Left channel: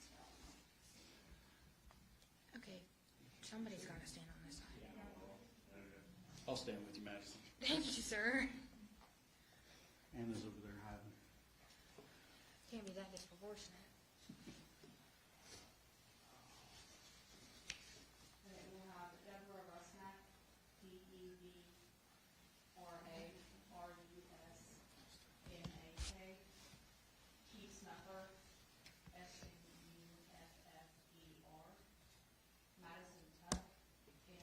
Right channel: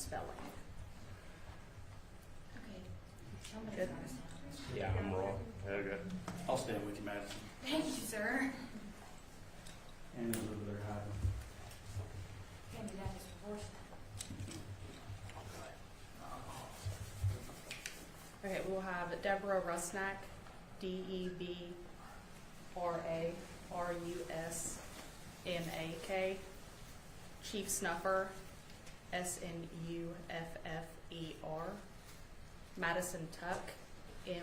spelling. Okay. Somebody's got to stand on this. Yeah, I'm wrong. Okay. I'll stand with you, Madison. Thank you, sir. And over there hiding. Can't be that is worse. Okay, we'll have Deborah Rusnak, DeBraRusnak, Chief Snuffer, Snuffer, Madison Tuck, Madisontuck,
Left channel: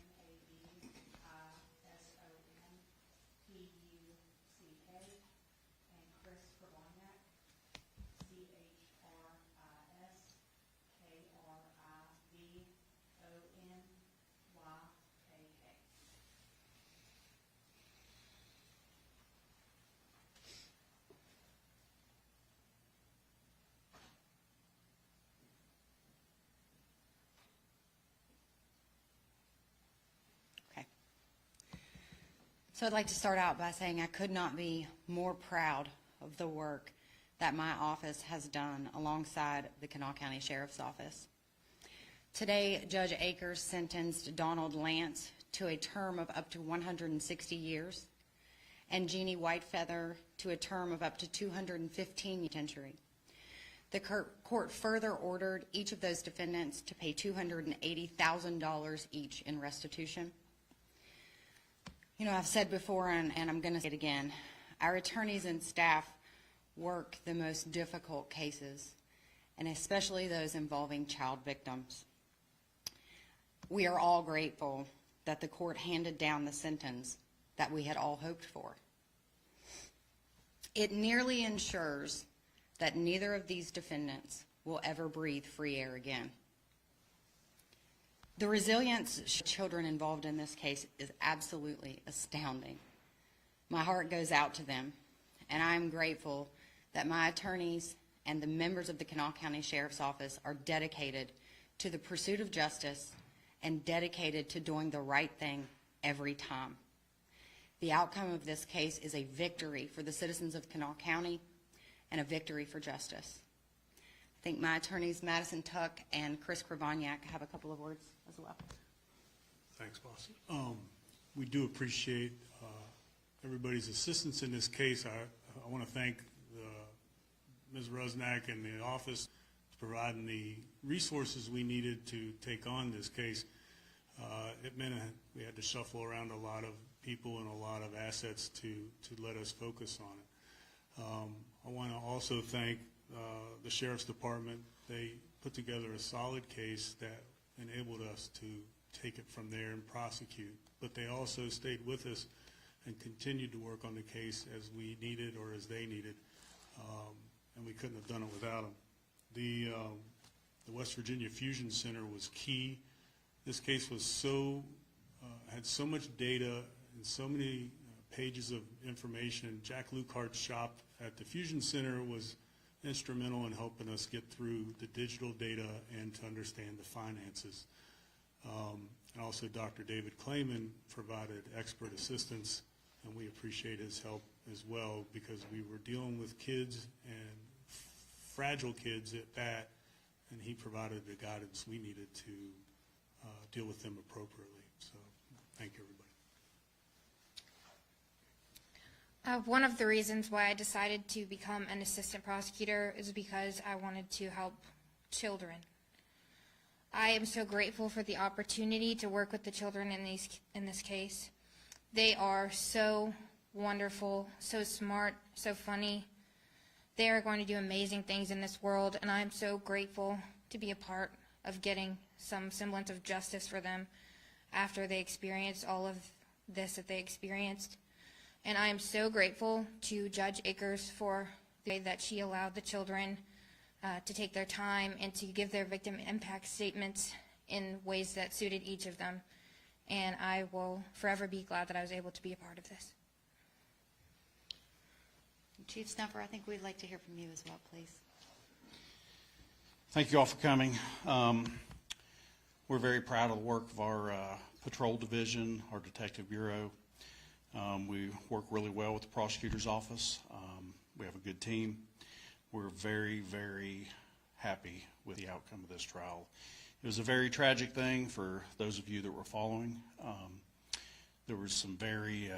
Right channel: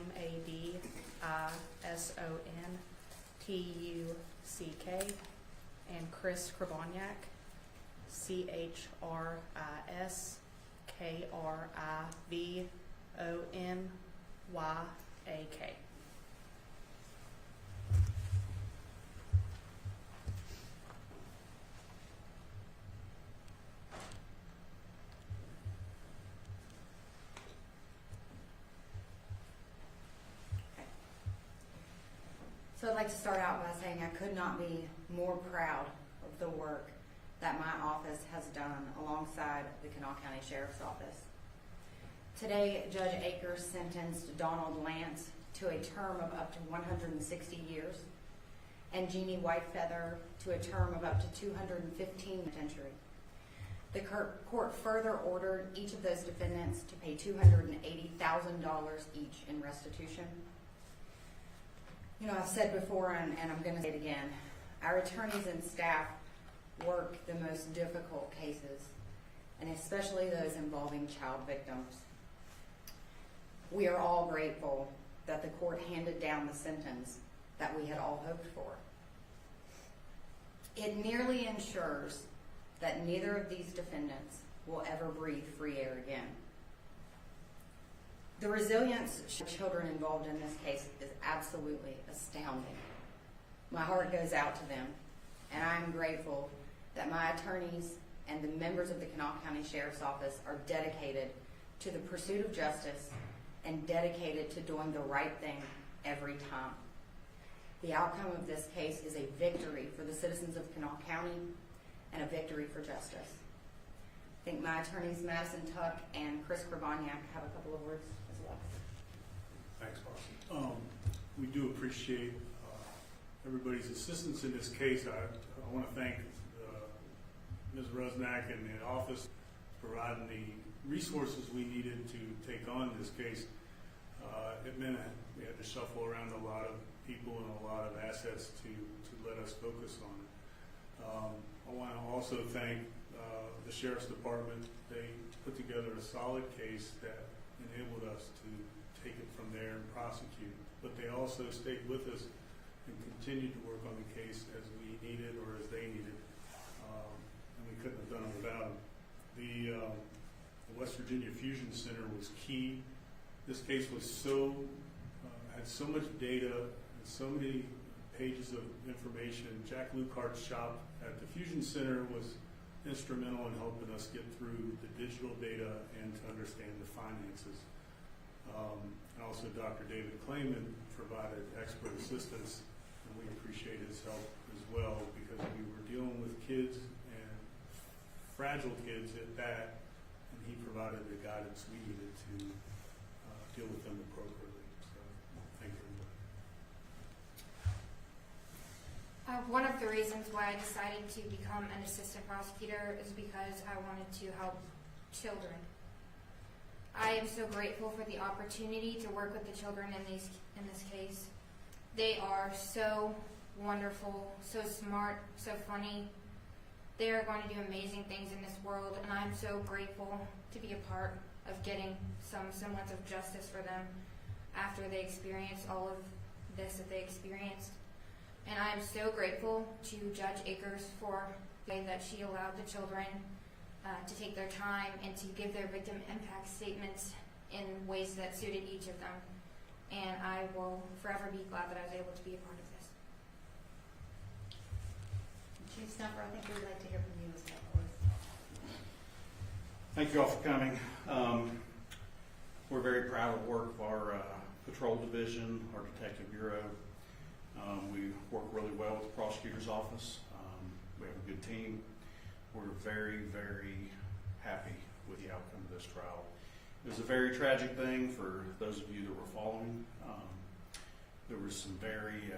and Chris Krivoniak, ChrisKrivonyak. So I'd like to start out by saying I could not be more proud of the work that my office has done alongside the Kanawha County Sheriff's Office. Today, Judge Akers sentenced Donald Lance to a term of up to 160 years and Jeannie Whitefeather to a term of up to 215 penitentiary. The court further ordered each of those defendants to pay $280,000 each in restitution. You know, I've said before, and I'm going to say it again, our attorneys and staff work the most difficult cases, and especially those involving child victims. We are all grateful that the court handed down the sentence that we had all hoped for. It nearly ensures that neither of these defendants will ever breathe free air again. The resilience of children involved in this case is absolutely astounding. My heart goes out to them, and I'm grateful that my attorneys and the members of the Kanawha County Sheriff's Office are dedicated to the pursuit of justice and dedicated to doing the right thing every time. The outcome of this case is a victory for the citizens of Kanawha County and a victory for justice. I think my attorneys, Madison Tuck and Chris Krivoniak, have a couple of words as well. Thanks, boss. We do appreciate everybody's assistance in this case. I want to thank Ms. Rusnak and the office for providing the resources we needed to take on this case. It meant we had to shuffle around a lot of people and a lot of assets to let us focus on it. I want to also thank the Sheriff's Department. They put together a solid case that enabled us to take it from there and prosecute. But they also stayed with us and continued to work on the case as we needed or as they needed. And we couldn't have done it without them. The West Virginia Fusion Center was key. This case was had so much data and so many pages of information. Jack Lucart's shop at the Fusion Center was instrumental in helping us get through the digital data and to understand the finances. Also, Dr. David Clayman provided expert assistance, and we appreciate his help as well because we were dealing with kids and fragile kids at that, and he provided the guidance we needed to deal with them appropriately. So, thank you, everybody. One of the reasons why I decided to become an assistant prosecutor is because I wanted to help children. I am so grateful for the opportunity to work with the children in this case. They are so wonderful, so smart, so funny. They are going to do amazing things in this world, and I am so grateful to be a part of getting some semblance of justice for them after they experienced all of this that they experienced. And I am so grateful to Judge Akers for the way that she allowed the children to take their time and to give their victim impact statements in ways that suited each of them. And I will forever be glad that I was able to be a part of this. Chief Snuffer, I think we'd like to hear from you as well, please. Thank you all for coming. We're very proud of the work of our patrol division, our detective bureau. We work really well with the prosecutor's office. We have a good team. We're very, very happy with the outcome outcome of this trial. It was a very tragic thing for those of you that were following. There was some very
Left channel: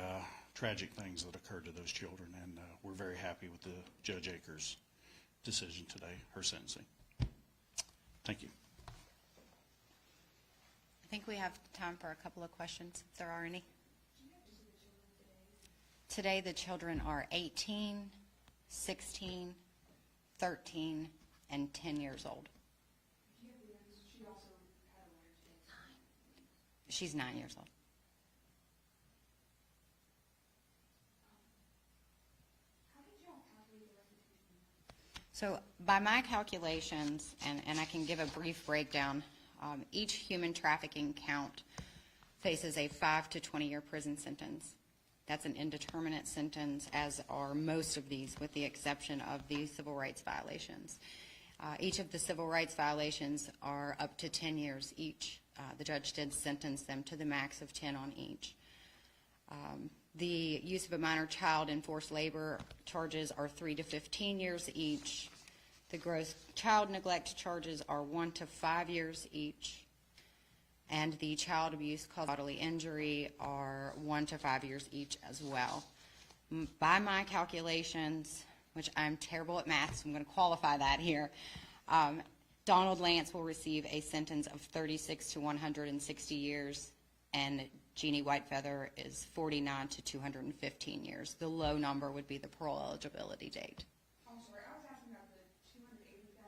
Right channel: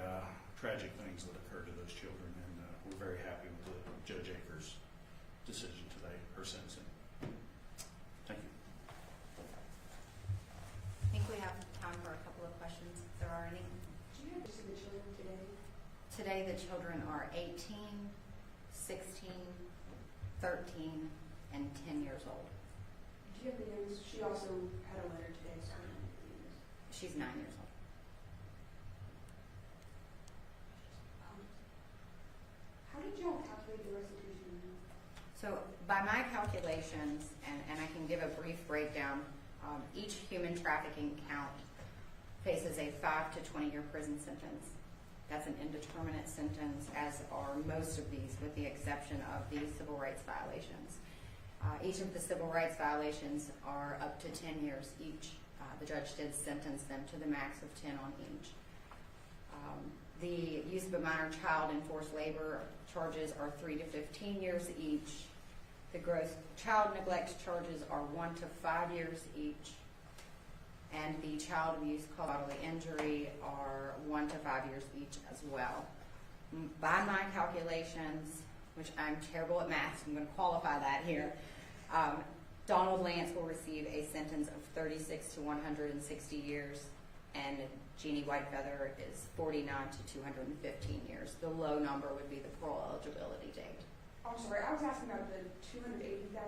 tragic things that occurred to those children, and we're very happy with the Judge Akers' decision today, her sentencing. Thank you. I think we have time for a couple of questions, if there are any. Do you have just the children today? Today, the children are 18, 16, 13, and 10 years old. Do you have the names? She also had a letter today, so I don't know the names. She's 9 years old. How did y'all calculate the restitution amount? So by my calculations, and I can give a brief breakdown, each human trafficking count faces a 5 to 20-year prison sentence. That's an indeterminate sentence, as are most of these, with the exception of the civil rights violations. Each of the civil rights violations are up to 10 years each. The judge did sentence them to the max of 10 on each. The use of a minor child in forced labor charges are 3 to 15 years each. The gross child neglect charges are 1 to 5 years each. And the child abuse caused bodily injury are 1 to 5 years each as well. By my calculations, which I'm terrible at math, so I'm going to qualify that here, Donald Lance will receive a sentence of 36 to 160 years, and Jeannie Whitefeather is 49 to 215 years. The low number would be the parole eligibility date. I'm sorry, I was asking about the 280,000,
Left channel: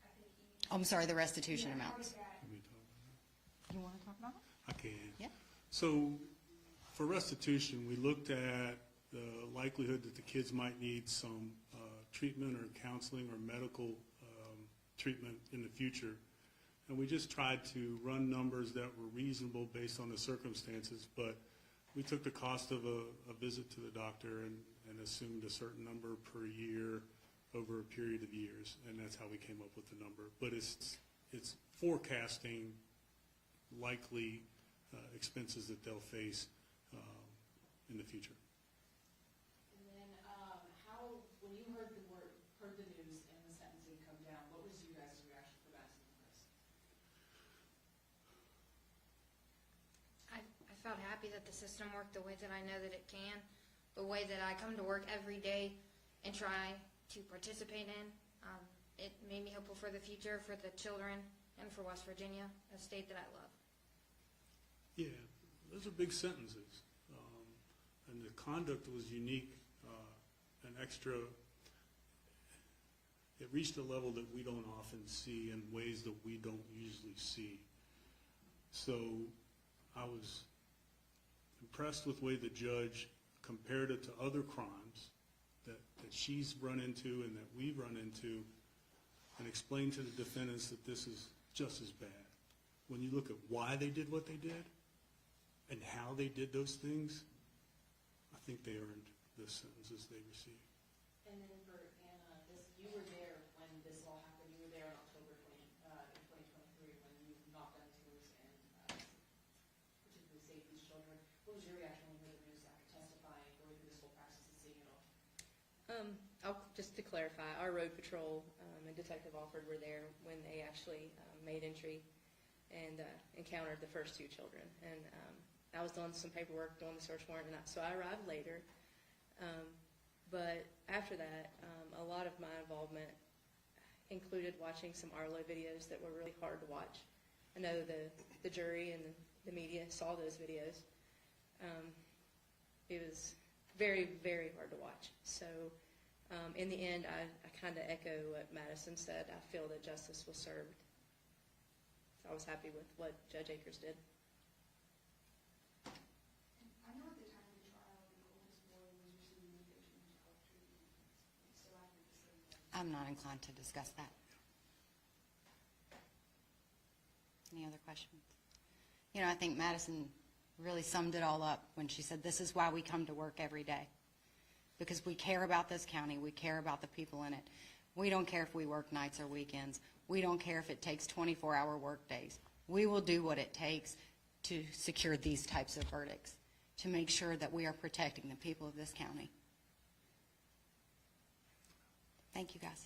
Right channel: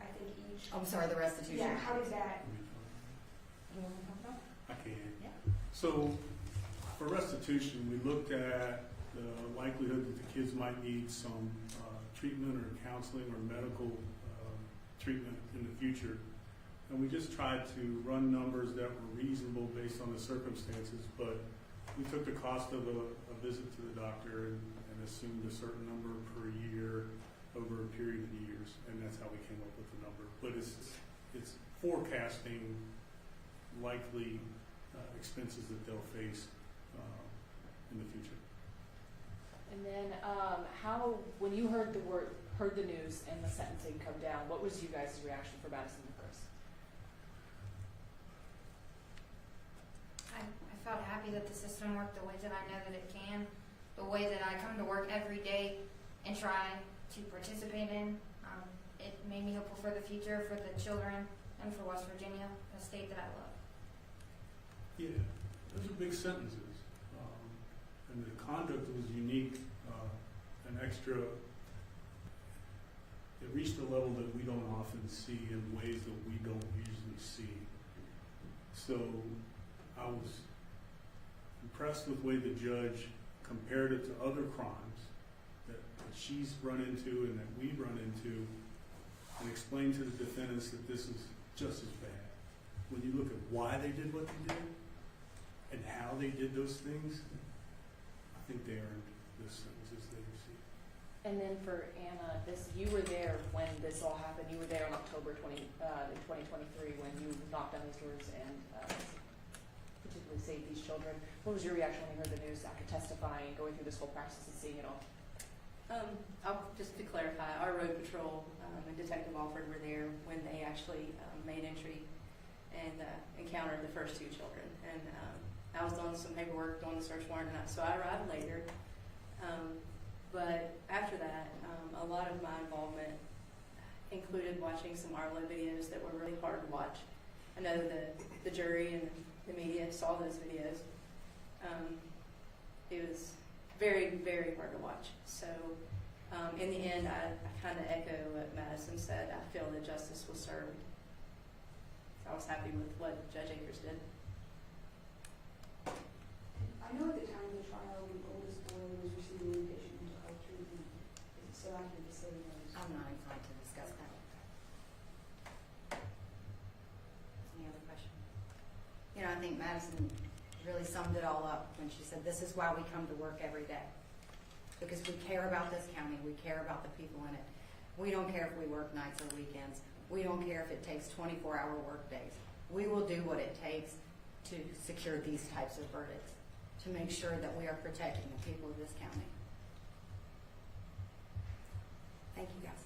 I think each. I'm sorry, the restitution Yeah, how amount. did that? You want to talk about I can. Yeah. So for restitution, we looked at the likelihood that the kids might need some treatment or counseling or medical treatment in the future. And we just tried to run numbers that were reasonable based on the circumstances, but we took the cost of a visit to the doctor and assumed a certain number per year over a period of years, and that's how we came up with the number. But it's forecasting likely expenses that they'll face in the future. And then, when you heard the news and the sentencing come down, what was you guys' reaction for Madison and Chris? I felt happy that the system worked the way that I know that it can, the way that I come to work every day and try to participate in. It made me hopeful for the future, for the children, and for West Virginia, a state that I love. Yeah, those are big sentences. And the conduct was unique, an extra, it reached a level that we don't often see in ways that we don't usually see. So I was impressed with the way the judge compared it to other crimes that she's run into and that we've run into, and explained to the defendants that this is just as bad. When you look at why they did what they did and how they did those things, I think they earned the sentences they received. And then for Anna, you were there when this all happened. You were there in October 2023 when you knocked on these doors and particularly saved these children. What was your reaction when you heard the news after testifying, going through this whole process and seeing it all? Just to clarify, our road patrol and Detective Alford were there when they actually made entry and encountered the first two children. And I was doing some paperwork, doing the search warrant, so I arrived later. But after that, a lot of my involvement included watching some Arlo videos that were really hard to watch. I know the jury and the media saw those videos. It was very, very hard to watch. So in the end, I kind of echo what Madison said. I feel that justice was served. I was happy with what Judge Akers did. I know at the time of the trial, the oldest boy was receiving inpatient mental health treatment. Is it so accurate to say that? I'm not inclined to discuss that. Any other questions? You know, I think Madison really summed it all up when she said, this is why we come to work every day. Because we care about this county, we care about the people in it. We don't care if we work nights or weekends. We don't care if it takes 24-hour work days. We will do what it takes to secure these types of verdicts, to make sure that we are protecting the people of this county. Thank you, guys.